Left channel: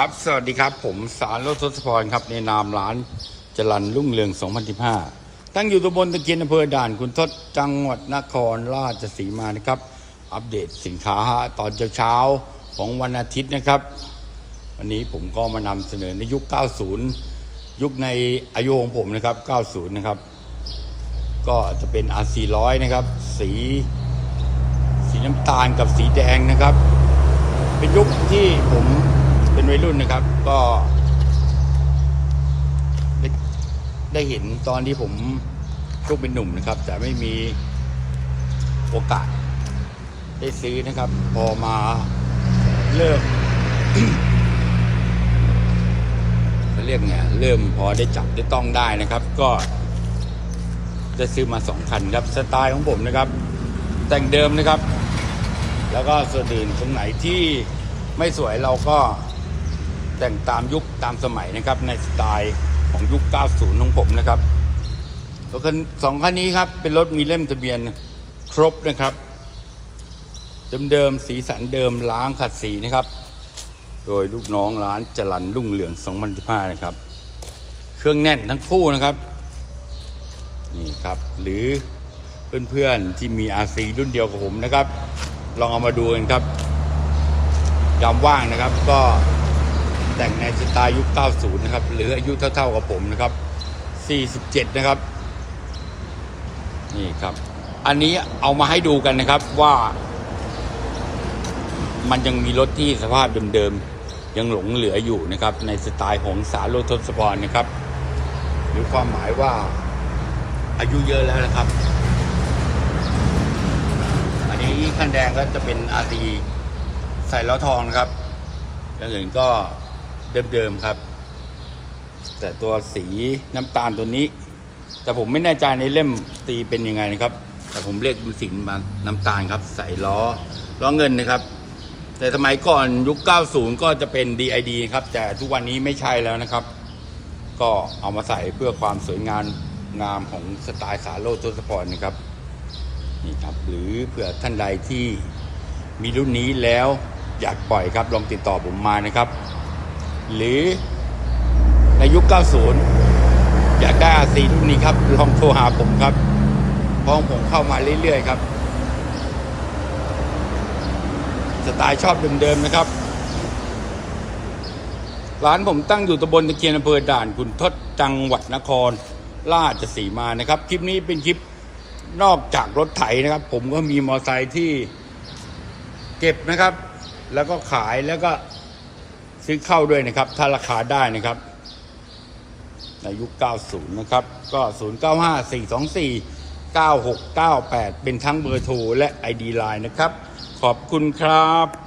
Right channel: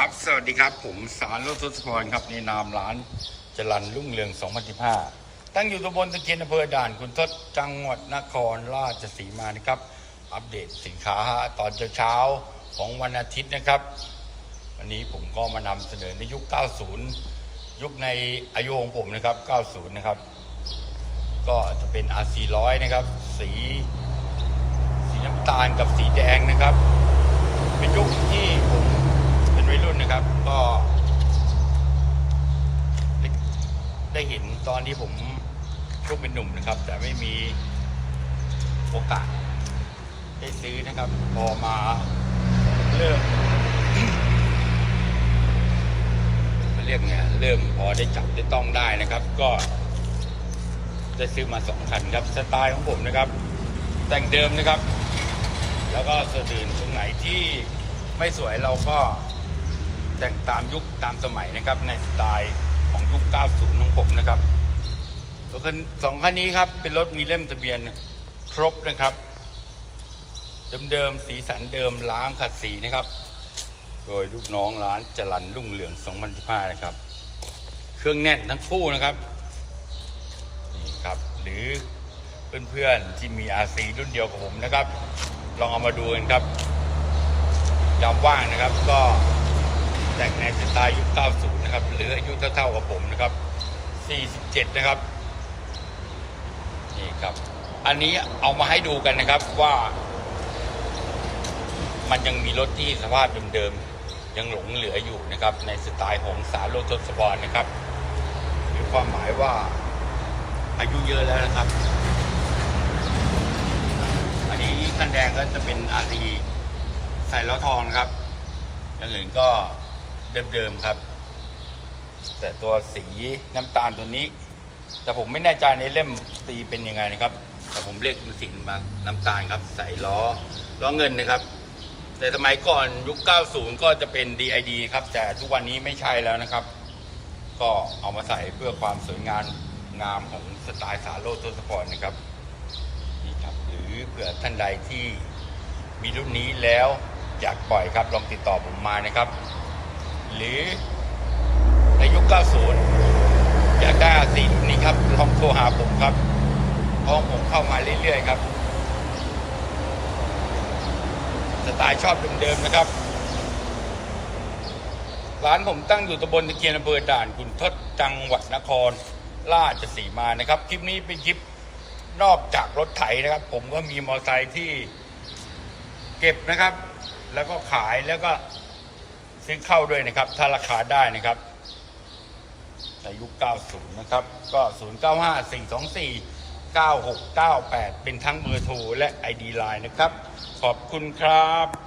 ครับ สวัสดีครับ ผมสารรถทศพรครับ ในนามร้านจรันรุ่งเรือง 2015 ตั้งอยู่ตำบลตะเคียนอำเภอด่านคุณทศจังหวัดนครราชสีมานะครับ อัปเดตสินค้าตอนเช้าของวันอาทิตย์นะครับ วันนี้ผมก็มานำเสนอในยุค 90 ยุคในอายุของผมนะครับ 90 นะครับ ก็จะเป็น R400 นะครับ สีสีน้ำตาลกับสีแดงนะครับ เป็นยุคที่ผม เป็นวัยรุ่นนะครับ ก็ได้ได้เห็นตอนที่ผมช่วงเป็นหนุ่มนะครับ แต่ไม่มีโอกาส ได้ซื้อนะครับ พอมาเริ่มเรียกไงเริ่มพอได้จับได้ต้องได้นะครับ ก็ได้ซื้อมาสองคันครับสไตล์ของผมนะครับ แต่งเดิมนะครับ แล้วก็ส่วนอื่นตรงไหนที่ไม่สวยเราก็ แต่งตามยุคตามสมัยนะครับ ในสไตล์ของยุค 90 ของผมนะครับรถคันสองคันนี้ครับ เป็นรถมีเล่มทะเบียนครบนะครับ เดิมๆสีสันเดิมล้างขัดสีนะครับ โดยลูกน้องร้านจรันรุ่งเหลือง2015นะครับ เครื่องแน่นทั้งคู่นะครับนี่ครับ หรือเพื่อนๆที่มี RC รุ่นเดียวกับผมนะครับ ลองเอามาดูกันครับยามว่างนะครับก็ แต่งในสไตล์ยุค 90 นะครับ หรืออายุเท่าๆกับผมนะครับ 47 นะครับ นี่ครับ อันนี้เอามาให้ดูกันนะครับว่า มันยังมีรถที่สภาพเดิมๆ ยังหลงเหลืออยู่นะครับ ในสไตล์ของสารโลทศพรนะครับ หรือความหมายว่าอายุเยอะแล้วนะครับ อันนี้ขั้นแดงก็จะเป็นอารีใส่ล้อทองนะครับอย่างอื่นก็ เดิมๆครับ แต่ตัวสีน้ำตาลตัวนี้ แต่ผมไม่แน่ใจในเล่มตีเป็นยังไงนะครับ แต่ผมเรียกดูสีมาน้ำตาลครับ ใส่ล้อล้อเงินนะครับ แต่สมัยก่อนยุค 90 ก็จะเป็น DID ครับ แต่ทุกวันนี้ไม่ใช่แล้วนะครับ ก็เอามาใส่เพื่อความสวยงามงามของสไตล์สาโลทศพรนะครับนี่ครับหรือเผื่อท่านใดที่มีรุ่นนี้แล้วอยากปล่อยครับลองติดต่อผมมานะครับ หรือในยุค 90 อยากได้อาซีนนี้ครับลองโทรหาผมครับเพราะผมเข้ามาเรื่อยๆครับ สไตล์ชอบเดิมๆนะครับ ร้านผมตั้งอยู่ตำบลตะเคียนอำเภอด่านคุณทศจังหวัดนคร ราชสีมานะครับ คลิปนี้เป็นคลิปนอกจากรถไถนะครับ ผมก็มีมอเตอร์ไซค์ที่เก็บนะครับ แล้วก็ขายแล้วก็ ซื้อเข้าด้วยนะครับ ถ้าราคาได้นะครับ ในยุค 90 นะครับ ก็ 0954249698 เป็นทั้งเบอร์โทรและ ID Line นะครับ ขอบคุณครับ